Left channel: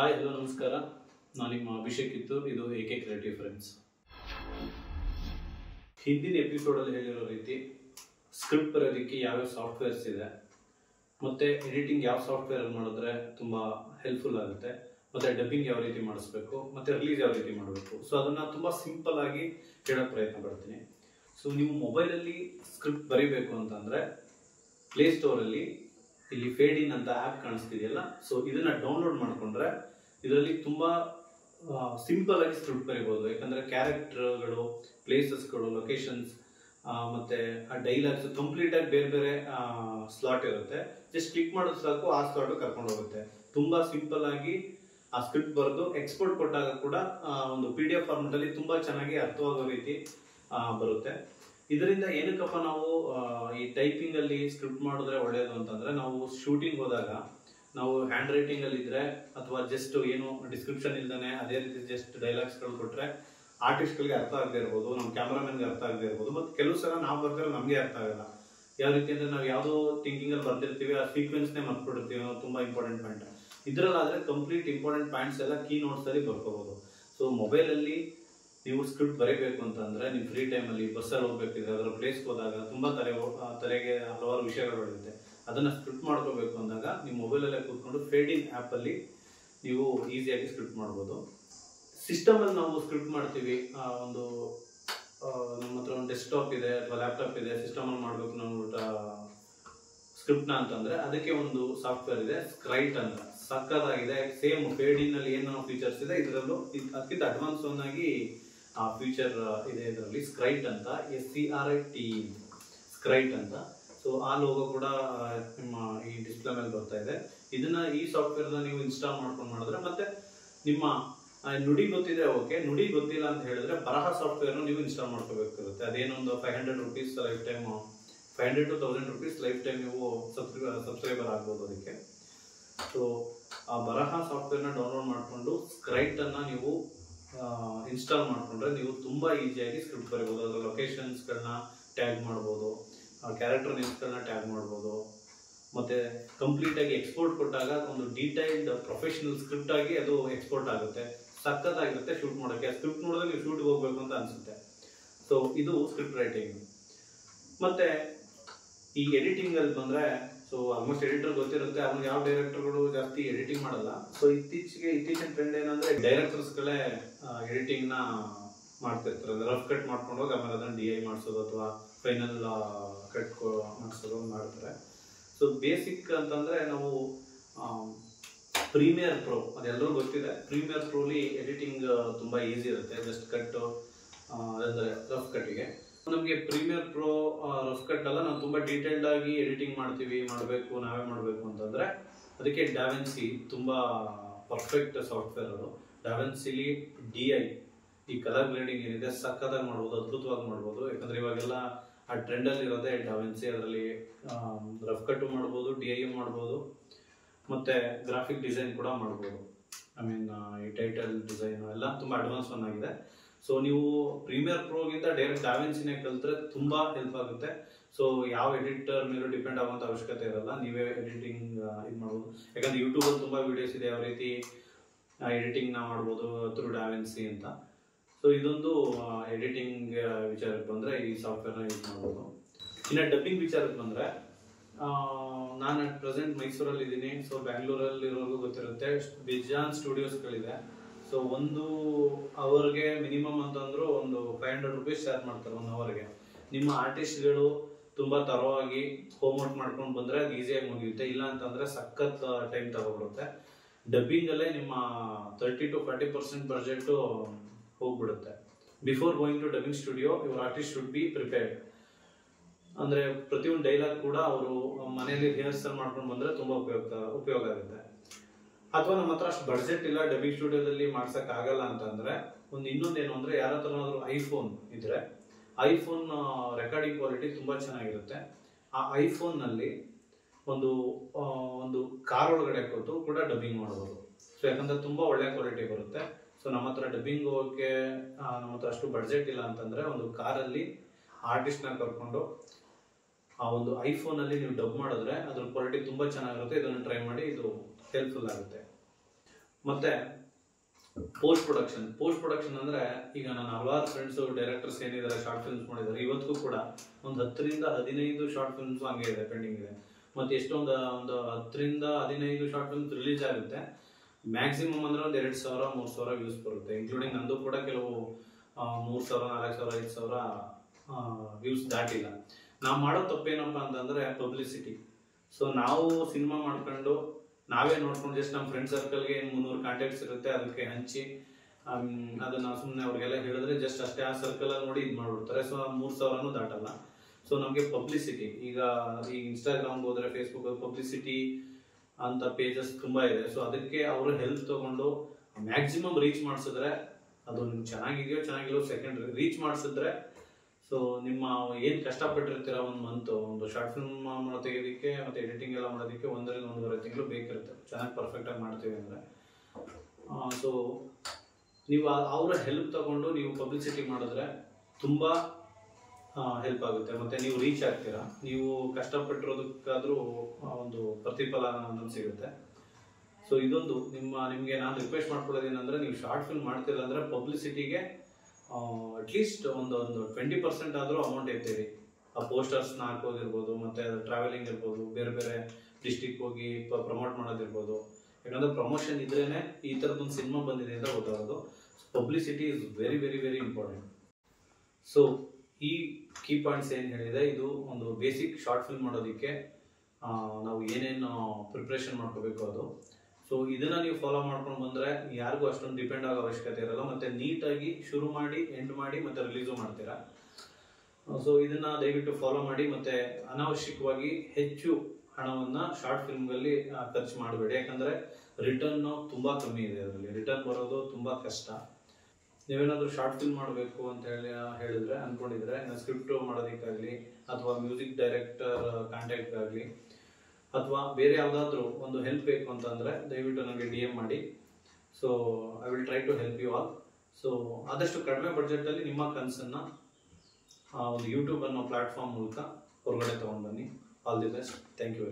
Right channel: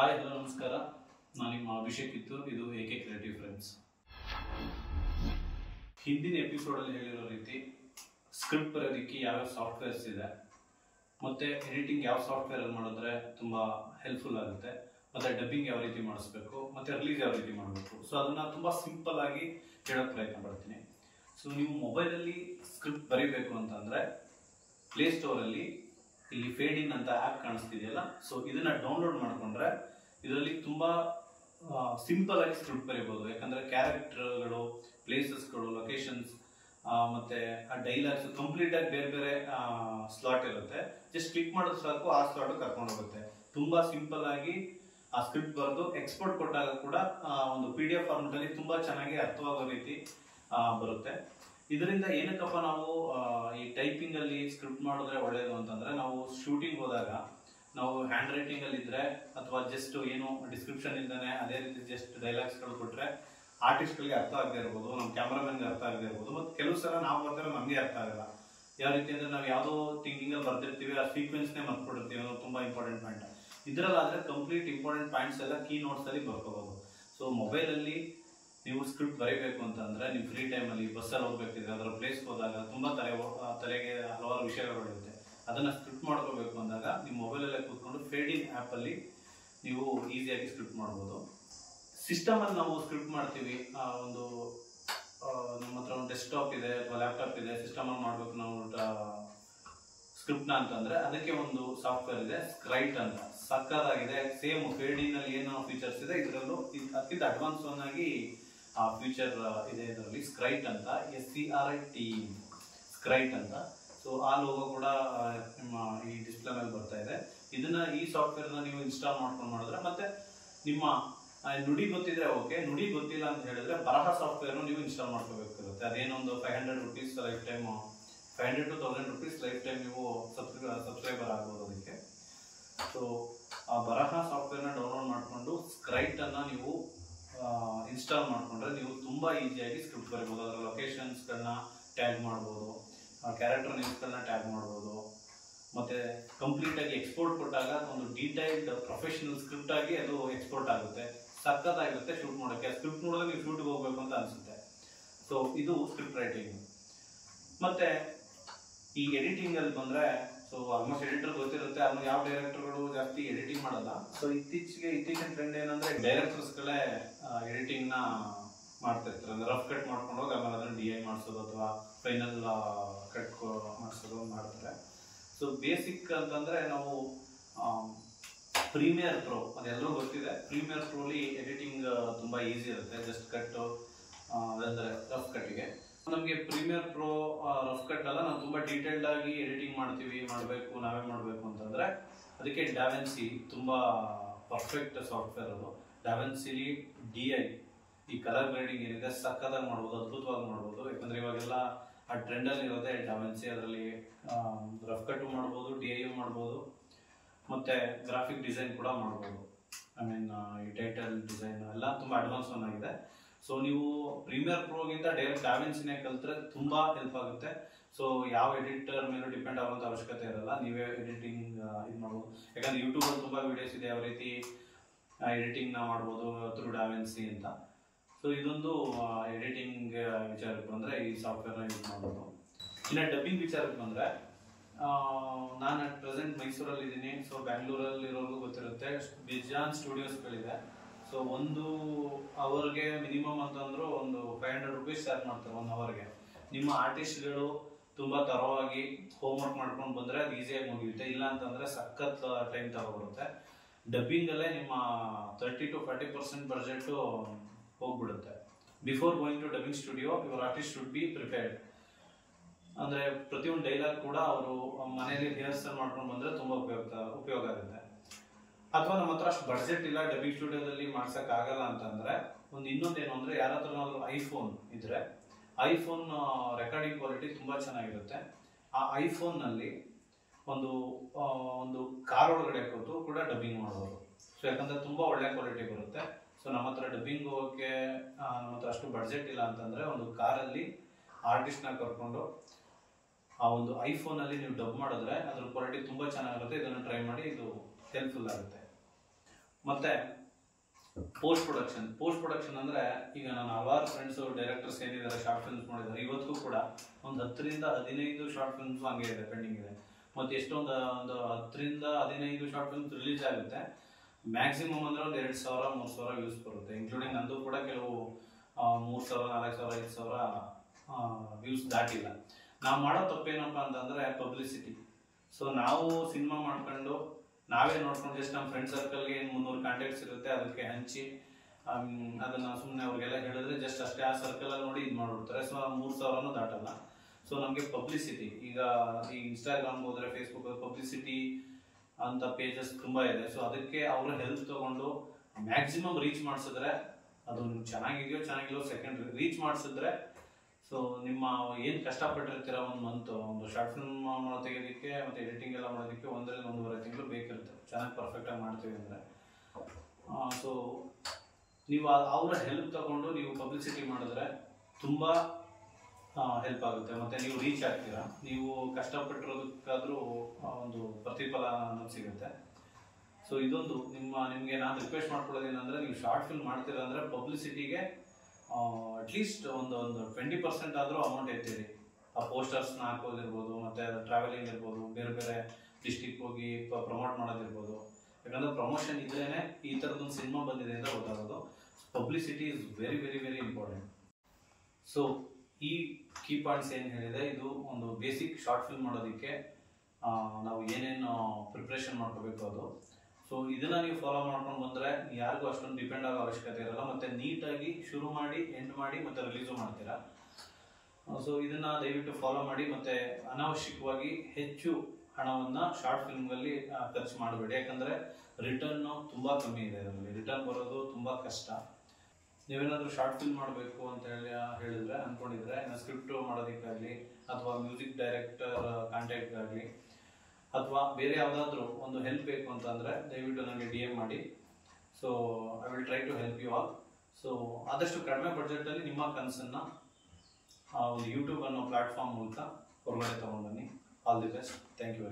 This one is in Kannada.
ಹಾಯ್ ಹಲೋ ನಮಸ್ಕಾರ. ನಾನು ನಿಮ್ಮ ಅಭಿಷೇಕ್ ಇತ್ತು. ಇದು AK ಕ್ರಿಯೇಟಿವ್ ಫ್ರೆಂಡ್ಸ್. ಹಿಂದಿನ ಎಪಿಸೋಡಲ್ಲಿ ಹೇಳಿರೋ ರೀತಿ ಸ್ಕ್ರಿಪ್ಟ್ ಬರೋದಕ್ಕೆ ಯಾವ್ಯಾವ ಸಾಫ್ಟ್ವೇರ್ಸ್ ಇದೆ, ಮತ್ತು ಎಡಿಟಿಂಗ್ ಯಾವ ಸಾಫ್ಟ್ವೇರಲ್ಲಿ ಮಾಡಿದ್ರೆ ತುಂಬ ಹೆಲ್ಪ್ಫುಲ್ ಆಗುತ್ತೆ, ಮತ್ತು ಡಬ್ಬಿಂಗ್ ಯಾವ ರೀತಿ ಮಾಡಿಸ್ಬೇಕು, ಮತ್ತು ರಿಲೀಸ್ ಯಾವ ರೀತಿ ಮಾಡಬೇಕು. ಸೊ ಅದನ್ನು ತುಂಬ ಸಿಂಪಲ್ ಆಗಿ ಹೇಳೋಕ್ಕೆ ಪ್ರಯತ್ನ ಪಡ್ತೀನಿ. ಸೊ ನೀವು ಮೊಬೈಲಲ್ಲಿ ಸ್ಕ್ರಿಪ್ಟ್ ಬರೀಬೇಕು ಅಂತಂದರೆ ಪ್ಲೇಸ್ಟೋರಲ್ಲಿ ಇಲ್ಲಿ ಫೇಡ್ ಇನ್ ಅಂತ ಆ್ಯಪ್ ಕಾಣಿಸ್ತಿದೆಯಲ್ಲ, ಸೊ ಇದನ್ನು ಡೌನ್ಲೋಡ್ ಮಾಡಿಕೊಂಡ್ರೆ ಇದರಲ್ಲಿ ತುಂಬ ಸಿಂಪಲ್ ಆಗಿ ಸ್ಕ್ರಿಪ್ಟ್ ಬರೀಬೋದು. ಯಾಕಂದರೆ ಕ್ಯಾರೆಕ್ಟರ್ಗಳು, ಪ್ಲೇಸಸ್ಗಳು, ಲೊಕೇಶನ್ಸ್ ಮತ್ತು ಆ ಡೈಲಾಗ್ಸ್ ಕಂಪ್ಲೀಟಾಗಿ ಬೇರೆ ಬೇರೆ ಸ್ಲಾಟ್ ಇರುತ್ತೆ. ಜಸ್ಟ್ ಕ್ಲಿಕ್ ಮಾಡೋದು ಸಾಕು, ಆ ಸ್ಲಾಟು ಕರ್ಕೊಂಡು ಹೋಗುತ್ತೆ. ತುಂಬ ಸಿಂಪಲ್ ಆಗಿ ಆ ಸ್ಕ್ರಿಪ್ಟ್ ಬರೆದು ಎಕ್ಸ್ಪೋರ್ಟ್ ಕೊಟ್ಟಾಗ ಕೂಡ ಒಂದು PDF ಫಾರ್ಮೆಟಲ್ಲಿ ತುಂಬ ಚೆನ್ನಾಗಿ ಅರ್ಥವಾಗೋ ರೀತಿ ಬರುತ್ತೆ. ಇದರಿಂದ ಏನಕ್ಕಪ್ಪ ನಾವು ಈ ಟೈಪಿಂಗ್ ಅಲ್ಲಿ ಸ್ಕ್ರಿಪ್ಟ್ ಮಾಡಿದ್ರೆ ಒಳ್ಳೇದು ಅಂತಂದ್ರೆ, ನಾವು ಶೂಟಿಂಗ್ ಹೋದಾಗ ನಾವು ಹ್ಯಾಂಡ್ ರೈಟಿಂಗ್ ಅಲ್ಲಿ ಇದ್ರೆ ಅಥವಾ ಜಸ್ಟ್ ಏನು ಡಿಸ್ಕ್ರಿಪ್ಷನ್ ಇಲ್ದಾನೆ ಅದೇ ರೀತಿ ಜಸ್ಟ್ ಡೈಲಾಗ್ಸ್ ಗಳು ಕೊಟ್ರೆ ಆರ್ಟಿಸ್ಟ್ ಗಳಿಗೆ ಅರ್ಥ ಆಗದೆ ಇರ್ಬೋದು, ನಮ್ಮ ಕ್ಯಾಮ್ರಾಮನ್ಗೆ ಅರ್ಥ ಆಗದೆ ಇರ್ಬೋದು, ಮತ್ತೆ ಕೆಲವು ಸಲ ನಾವು ಬರ್ತಾರೆ ನಮಗೆ ಅರ್ಥ ಆಗಲ್ಲ. ಯಾವ ರೀತಿ ಅಂದ್ರೆ ನಾವು ಯಾವುದೋ ಥಿಂಕಿಂಗ್ ಅಲ್ಲಿ ಬರ್ದಿರ್ತೀವಿ, ಆ ಸೀಕ್ವೆನ್ಸ್ ನೇ ಮರ್ತ್ಬಿಟ್ಟಿರ್ತೀವಿ, ಅನ್ನೋದು ತುಂಬಾ ಇಂಪಾರ್ಟೆಂಟ್ ಪಾಯಿಂಟ್. ಇದ್ರಲ್ಲಾದ್ರೆ ಕಂಪ್ಲೀಟ್ ಇಂಪಾರ್ಟೆಂಟ್ ಪಾಯಿಂಟ್ಸ್ ಎಲ್ಲ ಕೀ ನೋಟ್ಸ್ ಅಲ್ಲಿ ಬರ್ಕೋಬಹುದು. ಸೊ ಮೊಬೈಲ್ ಅಲ್ಲಿ ನೀವು ಸ್ಕ್ರಿಪ್ಟ್ ಬರೀಬೇಕು ಅಂತಂದ್ರೆ ನೀವು ಫ್ರೀ ಟೈಮಲ್ಲಿ ಬಸ್ಸಲ್ಲಿ ಹೋಗ್ಬೇಕಿದ್ರೆ ಅದರ ಪ್ಲೇಸ್ಗೆ ಹೋದಾಗ ತುಂಬ ತಲೆಗೆ ಹಲವಾರು ವಿಷಯಗಳಿರುತ್ತೆ. ಅದನ್ನು ಸ್ಕ್ರಿಪ್ಟ್ ಮಾಡ್ಕೋಬೇಕು ಅಂದಾಗ ನೀವು ಮೊಬೈಲಲ್ಲೇ ಕೂತ್ಕೊಂಡು ಫೇಡಿಂಗ್ ಆ್ಯಪಲ್ಲಿ ನೀವು ಈಸಿಯಾಗಿ ಸ್ಕ್ರಿಪ್ಟ್ ಮಾಡ್ಬೋದು. ಸಿಸ್ಟಮಲ್ಲಿ ನಾವು ಸ್ಕ್ರಿಪ್ಟ್ ಮಾಡ್ತೀವಿ, ಒಂದು ನಮ್ಮ ಹತ್ರ ಒಂದು ಡೆಸ್ಕ್ಟಾಪ್ ಇದೆ ಅಥವಾ ಲ್ಯಾಪ್ಟಾಪ್ ಇದೆ, ಸಿಸ್ಟಮಲ್ಲಿ ಮಾಡಬೇಕು ನಾವು ಸ್ಕ್ರಿಪ್ಟ್ನ ಅಂತಂದರೆ ಅದಕ್ಕೆ ಒಂದು ಸಾಫ್ಟ್ವೇರ್ ಇದೆ, ಸ್ಕ್ರೈಟ್ ಅಂತ. ಸಕ್ಕದಾಗಿದೆ. ಸೇಮ್ ಫೇಡಿನಲ್ಲಿ ಏನು ಫೀಚರ್ಸ್ ಇದೆ ಇದರಲ್ಲೂ ಅದಕ್ಕಿಂತ ಅಡ್ವಾನ್ಸ್ ಆಗಿ ಆ ಫೀಚರ್ ಇದೆ ಇದರಲ್ಲಿ. ಸ್ಕ್ರೈಟ್ ಅಂತ, SCRIT ಸ್ಕ್ರೈಟ್ ಅಂತ. ಸೊ ಆ ಲೋಗೋ ಕೂಡ ನಿಮ್ಮ ಈ ಡಿಸ್ಪ್ಲೇ ಮೇಲೆ ಬರ್ತಾ ಇದೆ. ಈ ಸಾಫ್ಟ್ವೇರ್ನ ನೀವು ಇನ್ಸ್ಟಾಲ್ ಮಾಡ್ಕೊಂಡು ಮಾಡಿದ್ರೆ, ಮತ್ತೆ ನಿಮ್ಮ ನುಡಿ ಗೊತ್ತಿದ್ರೆ ಓಕೆ, ನುಡಿ ಗೊತ್ತಿಲ್ಲ ಅಂತ ಹೇಳಿದ್ರೆ ಬರಹ ಸಾಫ್ಟ್ವೇರ್ನು ನೀವು ಇನ್ಸ್ಟಾಲ್ ಮಾಡ್ಕೋಬೇಕಾಗುತ್ತೆ. ಅದೇನೊಂದು 500 rupees life time, 500 to 1000 rupees life time ನೀವು ಸಬ್ಸ್ಕ್ರೈಬರ್ ಆಗ್ಬೋದು ಅದಕ್ಕೆ. ಸೊ ಆ ಬರಹ ಸಾಫ್ಟ್ವೇರ್ನ ಡೌನ್ಲೋಡ್ ಮಾಡಿಕೊಂಡು ಸ್ಕ್ರೈಟ್ ಅನ್ನ ನೀವು ಇನ್ಸ್ಟಾಲ್ ಮಾಡಿಕೊಂಡ್ರೆ ನೀವು ತುಂಬ ಈಸಿಯಾಗಿ ಸ್ಕ್ರಿಪ್ಟ್ ಬರೀಬೋದು. ಅದರ ಲೊಕೇಶನ್ಸ್ಗಳನ್ನ ಟ್ಯಾಗ್ ಮಾಡ್ಬೋದು, ಕ್ಯಾರೆಕ್ಟರ್ ನೇಮ್ಸ್ಗಳನ್ನ ಟ್ಯಾಗ್ ಮಾಡ್ಬೋದು, ಮತ್ತು ಕಂಪ್ಲೀಟಾಗಿ ಎಕ್ಸ್ಪೋರ್ಟ್ ಕೊಟ್ಟಾಗ ಒಂದು ಡೀಟೈಲ್ಡ್ ಪ್ರೊಫೆಷನಲ್ ಸ್ಕ್ರಿಪ್ಟ್ ಆಗಿ ಅದು ಎಕ್ಸ್ಪೋರ್ಟ್ ಆಗುತ್ತೆ. ಸಖತ್ತಾಗಿರುತ್ತೆ ಶೂಟ್ ಮಾಡೋಕ್ಕೆ. ಸ್ಕ್ರಿಪ್ಟ್ ನೋಡಿದ್ರೆ ನೀವು ಶೂಟ್ಗೆ ಹೋಗ್ಬೇಕು ಅಂತ ಅನಿಸುತ್ತೆ. ಸೊ ಇದು ಸ್ಕ್ರಿಪ್ಟ್ ರೈಟಿಂಗ್. ಮತ್ತು ಈ ಎಡಿಟಿಂಗಲ್ಲಿ ಬಂದರೆ, ಸೊ ಆಲ್ಮೋಸ್ಟ್ ಎಡಿಟರ್ ಗೊತ್ತಿರುತ್ತೆ, ಅದನ್ನು ಯಾವ ಡೈರೆಕ್ಟರ್ಗಳು ಜಾಸ್ತಿ ಎಡಿಟಿಂಗ್ ಮಾಡಲ್ಲ. ಸೊ ಇತ್ತೀಚಿನ ಟ್ರೆಂಡ್ ಏನಂದ್ರೆ ಡೈರೆಕ್ಟರ್ಸ್ಗಳೇ ಎಡಿಟಿಂಗ್ನ ಮಾಡ್ತಿರ್ತಾರೆ. ಅಂದ್ರೆ ರಫ್ ಕಟ್ ಮಾಡ್ಕೊಂಡು ಹೋಗಿ ಆಮೇಲೆ ಅದನ್ನು DI ಮಾಡಿಸೋದು ಅಥವಾ ಫೈನಲ್ ಕಟ್ ಮಾಡಿಸೋದು ಮಾಡ್ತಾರೆ. ಸೊ ಬೇಸಿಕ್ ಅಂತಂದ್ರೆ ನಾವು ಪ್ರೀಮಿಯರ್ ಪ್ರೋ, ಅದೆಲ್ಲರೂ ಗೊತ್ತಿದೆ. ಪ್ರೀಮಿಯರ್ ಪ್ರೋಲಿ ಎಡಿಟಿಂಗ್ ತುಂಬ ಈಸಿ ಇರುತ್ತೆ. ಜಸ್ಟ್ ಕಟ್ಟು ಅಂದರೆ ರಫ್ ಕಟ್ಟಿಗೆ ನಮಗೆ ಪ್ರೀಮಿಯರ್ ಪ್ರೋ ರಫ್ ಕಟ್ ಅಲ್ಲ, ನಾವು ತುಂಬ ಡೀಟೇಲ್ಡ್ ಆಗಿ ಎಡಿಟಿಂಗ್ ನಾವೇ ಮಾಡಬೇಕು ಅಂತಂದ್ರೆ ಅದಕ್ಕೆ ಡಾವೆನ್ಸಿ ತುಂಬ ಪರ್ಫೆಕ್ಟ್ ಸಾಫ್ಟ್ವೇರ್. ಅದು ಡಾವೆನ್ಸಿಲಿ DI ಈ ಕಲರ್ ಗ್ರೇಡಿಂಗ್ ಏನಿದೆ ಸಕ್ಕತ್ತಾಗಿ ಮಾಡ್ಬೋದು, ಅದ್ಭುತವಾಗಿ ಮಾಡ್ಬೋದು. ಯಾಕಂದ್ರೆ ಇವಾಗೆಲ್ಲ ಆ ಟ್ರೆಂಡಲ್ಲಿ ಇರೋದೇ ಡಾವೆನ್ಸಿ. ಅದರಲ್ಲಿ ರಫ್ ಕಟ್ಟು ಮಾಡ್ಬೋದು, DI ಮಾಡ್ಬೋದು, ಮತ್ತೆ ಗ್ರಾಫಿಕ್ ಡಿಸೈನ್ ಕೂಡ ಮಾಡ್ಬೋದು. ಈ ಟೈಟಲ್ ಡಿಸೈನ್ ಎಲ್ಲ ತುಂಬ ಅಡ್ವಾನ್ಸ್ ಆಗಿದೆ. ಸೊ ನೀವು ಪ್ರೀಮಿಯರ್ ಪ್ರೋಗಿಂತ ಡೈರೆಕ್ಟ್ ಡಾವೆನ್ಸಿನೇ ಕಲ್ತ್ರೆ ತುಂಬ ಹೆಲ್ಪ್ ಆಗುತ್ತೆ. ಸೊ ಯಾವ ಎಡಿಟರ್ ಮೇಲೂ ಡಿಪೆಂಡ್ ಆಗುವಂಥ ಅವಶ್ಯಕತೆ ಇರಲ್ಲ, ನೀವೇ ಎಡಿಟಿಂಗ್ ಇದು ಮಾಡ್ಬೋದು. ಯಾಕಂದ್ರೆ ಯೂಟ್ಯೂಬಲ್ಲಿ ತುಂಬ ವಿಡಿಯೋಸ್ ಇದೆ ಯಾವ ರೀತಿ ಎಡಿಟಿಂಗ್ನ ಮಾಡ್ಬೋದು ಥ್ರೂ ಡಾವೆನ್ಸಿ ಅಂತ. ಸೊ ಇದೊಂದು ಎಡಿಟಿಂಗ್ ವಿಚಾರಕ್ಕೆ ಬಂದರೆ ಈ ಸಾಫ್ಟ್ವೇರ್ನ ಯೂಸ್ ಮಾಡ್ಬೋದು. ಇನ್ನು ಡಬ್ಬಿಂಗ್ ವಿಚಾರಕ್ಕೆ ಬಂದರೆ, ನಾನು ಅಟ್ ಪ್ರೆಸೆಂಟ್ ಮೈಸೂರಲ್ಲಿ ಇದ್ದೀನಿ. ಸೊ ಬ್ಯಾಂಗ್ಳೂರಲ್ಲಿರೋರ್ಗೂ ಗೊತ್ತಿರುತ್ತೆ, ಬೇಜಾನ್ ಸ್ಟುಡಿಯೋಸ್ಗಳಿದೆ. ಸೊ 1 ಅವರ್ಗೆ ಮಿನಿಮಮ್ ಅಂತಂದ್ರು ಒಂದು 500 ರೂಪೀಸ್ ಚಾರ್ಜ್ ಮಾಡ್ತಾರೆ 1 ಅವರ್ಗೆ. ನಿಮ್ಮ ಆರ್ಟಿಸ್ಟ್ಗಳು ತುಂಬ ತರವಾಗಿ ಹೋಮ್ವರ್ಕ್ ಮಾಡ್ಕೊಂಡು ಬಂದರೆ ಅದು ಈಸಿಯಾಗಿ ಮುಗಿಯುತ್ತೆ. ಇಲ್ಲ ಅಂತಂದರೆ ಸಖತ್ ಟೈಮ್ ತಗೊಬಿಡುತ್ತೆ. ಡಬ್ಬಿಂಗಲ್ಲೇ ನಿಮ್ಮ 30 to 40% ಬಜೆಟು ಹೋಗ್ಬಿಡುತ್ತೆ. Before going to dubbing studio your artist should be prepared. ಅಂದರೆ ಪ್ರತಿಯೊಂದು ಡೈಲಾಗ್ ಕೂಡ ಅವರು ಮನೆಯಲ್ಲಿ ರಿಹರ್ಸಲ್ ಮಾಡ್ಕೊಂಡು ಬಂದರೆ ತುಂಬ ಉಪಯೋಗ ಆಗುತ್ತೆ. ಅಥವಾ ನಮ್ಮ ಹತ್ರ ಅಷ್ಟು ಬಡ್ಜೆಟ್ ಇಲ್ಲ, ಡಬ್ಬಿಂಗ್ ಸ್ಟುಡಿಯೋದಲ್ಲಿ ಮಾಡ್ಸಕ್ ಆಗಲ್ಲ ಅಂತಂದ್ರೆ ಇನ್ನೊಂದೇನು ಅಂದ್ರೆ, ಯಾರ ಹತ್ರನಾದ್ರೂ ಐಫೋನ್ ಇದ್ರೆ ಐಫೋನ್ ರೆಕಾರ್ಡಿಂಗ್ ಕ್ವಾಲಿಟಿ ತುಂಬಾ ಚೆನ್ನಾಗಿರುತ್ತೆ. ಆ ಐಫೋನ್ ನಲ್ಲಿ ಒಂದು ಕಾರ್ ಒಳಗಡೆ ಕೂತು ಕೂಡ ಡಬ್ಬಿಂಗ್ ಮಾಡ್ಬೋದು. ಸೊ ಯಾಕಂದ್ರೆ ತುಂಬಾ ಒಳ್ಳೆ ಕ್ವಾಲಿಟಿ ಬರುತ್ತೆ. ಸೊ ನಮ್ಮ ಹತ್ರ ಡಬ್ಬಿಂಗ್ ಹೋಗೋಕೆ ನಮ್ಮ ಹತ್ರ ಅಷ್ಟು ಬಡ್ಜೆಟ್ ಇಲ್ಲ ಅಂತಂದ್ರೆ ಒಂದು ಕಾರಲ್ಲಿ ಆರ್ಟಿಸ್ಟ್ನ ಕರ್ಕೊಂಡು ಆ ಒಂದು ಐಫೋನಲ್ಲಿ ನೀವು ಡಬ್ ಮಾಡಿದ್ರೆ ಅದ್ರ ಕ್ವಾಲಿಟಿ ತುಂಬ ಚೆನ್ನಾಗಿರುತ್ತೆ. ಇದನ್ನು ಟ್ರೈ ಮಾಡಿ, ಇದು ಹೆಲ್ಪ್ಫುಲ್ ಆಗುತ್ತೆ. ಮತ್ತೆ ಪೋಸ್ಟ್ ಪ್ರೊಡಕ್ಷನ್ ಅಂದ್ರೆ ಈಗ ನಾನು ಹಲವಾರು ಫ್ರೆಂಡ್ಸ್ ಡೈರೆಕ್ಟರ್ಸ್ ಏನಿದ್ದಾರೆ ಶಾರ್ಟ್ ಫಿಲ್ಮ್ಸ್ ಮಾಡಿದ್ದಾರೆ, ಇವತ್ತಿಗೂ ಕೂಡ ಒಂದು 10ರಿಂದ 15 ಶಾರ್ಟ್ ಫಿಲ್ಮ್ಸ್ ಹಂಗೆ ಇದೆ, ಪೆಂಡಿಂಗ್ ಇದೆ. ಮತ್ತೆ ಎಷ್ಟೊಂದು 10ರಿಂದ 15 ಶಾರ್ಟ್ ಫಿಲ್ಮ್ಸ್ ರಿಲೀಸ್ ಆಗುತ್ತೆ. ಮ್ಯಾಕ್ಸಿಮಮ್ ಅಂದ್ರೆ ಒಂದು 2,000 3,000 ವ್ಯೂಸ್ ಬರುತ್ತೆ, ಇನ್ಕ್ಲೂಡಿಂಗ್ ನಂದು ಕೂಡ ಕೆಲವು 3,000 4,000 5,000 ವ್ಯೂಸ್ ದಾಟಿಲ್ಲ. ನಾವು ಮಾಡೋ ತಪ್ಪೇನಪ್ಪ ಅಂತಂದ್ರೆ ಪಬ್ಲಿಸಿಟಿ. ಸೊ ನಾವು ಸಿನಿಮಾ ಮಾಡ್ಕೊಂಡು ನಾವೇ ನೋಡ್ಕೊಂಡು ಜಸ್ಟ್ ನಮ್ಮ ಫ್ರೆಂಡ್ ಸರ್ಕಲ್ಗೆ 300 ಕಾಂಟ್ಯಾಕ್ಟ್ಸ್ ಇರುತ್ತೆ, ಅದಕ್ಕೆ ಹಂಚಿ ಅದನ್ನ ಸುಮ್ಮನೆ ಅವ್ರಿಗೆಲ್ಲ ಹೇಳಿದ್ರೆ ಜಸ್ಟ್ ಅಷ್ಟೇ ಆ ಸರ್ಕಲ್ ಅಲ್ಲಿ ನೋಡಿ ಇದು ಮಾಡ್ಬಿಡ್ತಾರೆ. ಸೊ 3,000 ದಾಟಲ್ಲ. ಸೊ ನಮಗೆ ಪಬ್ಲಿಸಿಟಿ, ಈಗ ಇನ್ಸ್ಟಾಗ್ರಾಮ್ಗೆ ಹೋದ್ರೆ ಫೇಸ್ಬುಕ್ ಪಬ್ಲಿಸಿಟಿ ಅಂತ ಪೇಜಸ್ ತುಂಬಾ ಇದೆ. ಸೊ ಅದಕ್ಕೆ ಅವರು ಹೆಲ್ಪ್ ತಗೊಂಡು ಮ್ಯಾಕ್ಸಿಮಮ್ ರೀಚ್ ಮಾಡಿಸಿದ್ರೆ, ಅದು ಚೆನ್ನಾಗಿದೆಯೋ ಚೆನ್ನಾಗಿಲ್ಲೋ ಸೆಕೆಂಡ್ರಿ, ರೀಚ್ ಮಾಡಿಸಿದ್ರೆ ಸೊ ನಿಮ್ಮ ಏನು ಕಷ್ಟಪಟ್ಟಿರ್ತೀರ ಒಂದು ಮಂತ್ ಒಂದು ಶಾರ್ಟ್ ಫಿಲ್ಮ್ ತೆಗೆಯೋದಕ್ಕೆ ಮತ್ತೆ ಎಡಿಟಿಂಗ್ ಎಲ್ಲ ಮಾಡೋದಕ್ಕೆ 1ರಿಂದ 1.5 ತಿಂಗಳು ಬೇಕಿರುತ್ತೆ, ಚೆನ್ನಾಗಿ ಪರ್ಫೆಕ್ಟಾಗಿ ಮಾಡ್ತೀವಿ ಅಂದರೆ. ಸೊ ನೀವು ಅವರ ಹೆಲ್ಪ್ ತಗೊಂಡು ನೀವು ಪಬ್ಲಿಸಿಟಿ ಮಾಡಿದ್ರೆ ತುಂಬ ಹೆಲ್ಪ್ ಆಗುತ್ತೆ, ಮತ್ತೆ ನೀವು ರೀಚ್ ಆಗ್ತೀರಾ. ನೀವು ಕಷ್ಟಪಟ್ಟಿರೋದಕ್ಕಾದ್ರೂ ಒಂದು ಪ್ರತಿಫಲ ನಮ್ಗೆ ಸಿಗುತ್ತೆ. ಸೊ ಇದೊಂದು ನಿಮಗೆ ನಾನು ರಿಕ್ವೆಸ್ಟ್ ಮಾಡ್ಕೊಳ್ಳೋದೇನೆಂದ್ರೆ, ನೀವು ಶಾರ್ಟ್ ಫಿಲ್ಮ್ ಮಾಡ್ತೀರಾ ಅಂದರೆ ಪಬ್ಲಿಸಿಟಿಗೆ ಅಟ್ಲೀಸ್ಟ್ ಒಂದು 20% ಆದರೂ ಅಮೌಂಟ್ ಎತ್ತೀರಿ. ಆ ಪೋಸ್ಟರ್ಸ್ನ ಹಾಕೋದಿರ್ಬೋದು, ಮತ್ತೆ ಅದು ಟ್ರಾವೆಲಿಂಗ್ ಇರ್ಬೋದು, ಬೇರೆ ಬೇರೆ ಡಿಸ್ಟಿಕ್ ಹೋಗಿ ಪ್ರಮೋಟ್ ಮಾಡೋದಿರ್ಬೋದು. ಯಾಕಂದ್ರೆ ಪ್ರಮೋಷನ್ ಇದ್ರೇನೆ ಈ ಥರದೊಂದು ಸಿನಿಮಾ ಬಂದಿದೆ ಅಂತ ಗೊತ್ತಾಗೋದು. Publicity is very very very important. So ಈ ಕೀ ಪಾಯಿಂಟ್ಸ್ ಏನು ಹೇಳಿದೆ, ಇದು ಒಂದು ಬೇಸಿಕ್ ಶಾರ್ಟ್ ಫಿಲ್ಮ್ ಮಾಡೋದಕ್ಕೆ ನಾವು ಏನೇನು ಪ್ರಿಪ್ರೇಷನ್ ಮಾಡ್ಕೋಬೇಕು ಅದು. ಸೊ ಇದನ್ನ ನೀವು ಫಾಲೋ ಮಾಡ್ಕೊಂಡು ಬಂದ್ರೆ ಯಾರಿಗೂ ಅಷ್ಟೊಂದು ಡಿಪೆಂಡ್ ಆಗೋ ಅವಶ್ಯಕತೆ ಇರಲ್ಲ, ಮತ್ತೆ ನೀಟಾಗಿ ಶುರು ಮಾಡಿ ಎಂಡ್ ಮಾಡಿ ಮತ್ತೆ ರಿಲೀಸು ಮಾಡ್ತೀರಾ. ಸೊ ಇದನ್ನ ದಯವಿಟ್ಟು ಫಾಲೋ ಮಾಡಿ. ಮತ್ತೆ ಅನಾವಶ್ಯಕವಾಗಿ ಹೆಚ್ಚು ಹಣವನ್ನ ಶಾರ್ಟ್ ಫಿಲ್ಮ್ಗಳಲ್ಲಿ ಖರ್ಚು ಮಾಡಬೇಡಿ, ಯಾಕಂದ್ರೆ ರಿಟರ್ನ್ ತುಂಬಾ ಕಮ್ಮಿ ಇದೆ. ಅದರಲ್ಲಿ ರಿಟರ್ನ್ ಬರೋದು ತುಂಬಾ ಕಷ್ಟ. ನೀವೇನಾದ್ರೂ ಶಾರ್ಟ್ ಫಿಲ್ಮ್ ಮಾಡಬೇಕು ಅಂತ ಹೇಳಿದ್ರೆ ಅನ್ಕೊಂಡಿದ್ರೆ, ಸ್ಕ್ರಿಪ್ಟ್ ಮಾಡೋದಕ್ಕಾಗಲಿ ಅಥವಾ ಮ್ಯೂಸಿಕ್ ಡೈರೆಕ್ಟರ್ ಕಾಂಟ್ಯಾಕ್ಟ್ ಆಗಲಿ ಅಥವಾ ಬೇರೆ ಯಾವುದಾದ್ರೂ ಒಂದು ಹೆಲ್ಪ್ ಬೇಕು ಅಂತಂದರೆ ದಯವಿಟ್ಟು ನನಗೆ DM ಮಾಡಿ. So I will try to help you all. So ಆದಷ್ಟು ಕಡಿಮೆ ಬಡ್ಜೆಟಲ್ಲಿ ನಿಮ್ಮ ಕನಸನ್ನು ಒಂದು ಯೂಟ್ಯೂಬ್ ಅನ್ನೋ ಪ್ಲಾಟ್ಫಾರ್ಮ್ ಮೂಲಕ ಹೊರಗಡೆ ತೊಗೊಂಡು ಬನ್ನಿ. All the best. Thank you.